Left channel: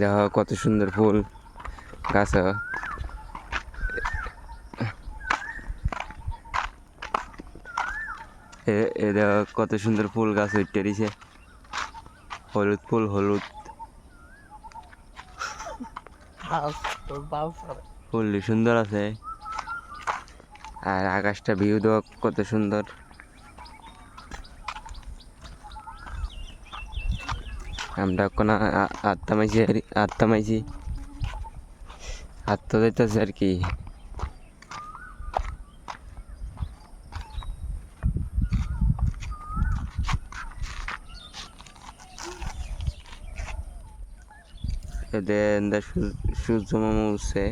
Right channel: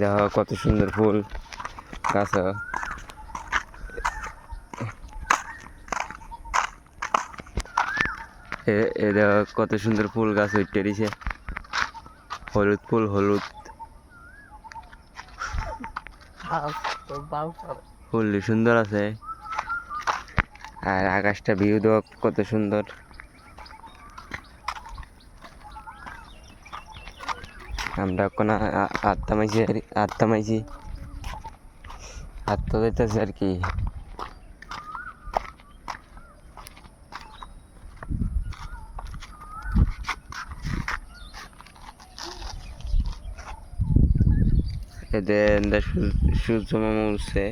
দেখো কত সুন্দর ফুল গাছ। এ দেখো কত সুন্দর ফুল গাছ উঠতে দিছে, হলুদ ফুল, হলুদ ফুল সুন্দর আছে। আর আকাশটা ভিউ দেওয়া কত সুন্দর। আমরা এখন আটটা মাইছি দিতেছে আর কি। এদের সূর্য মামা উঠছে।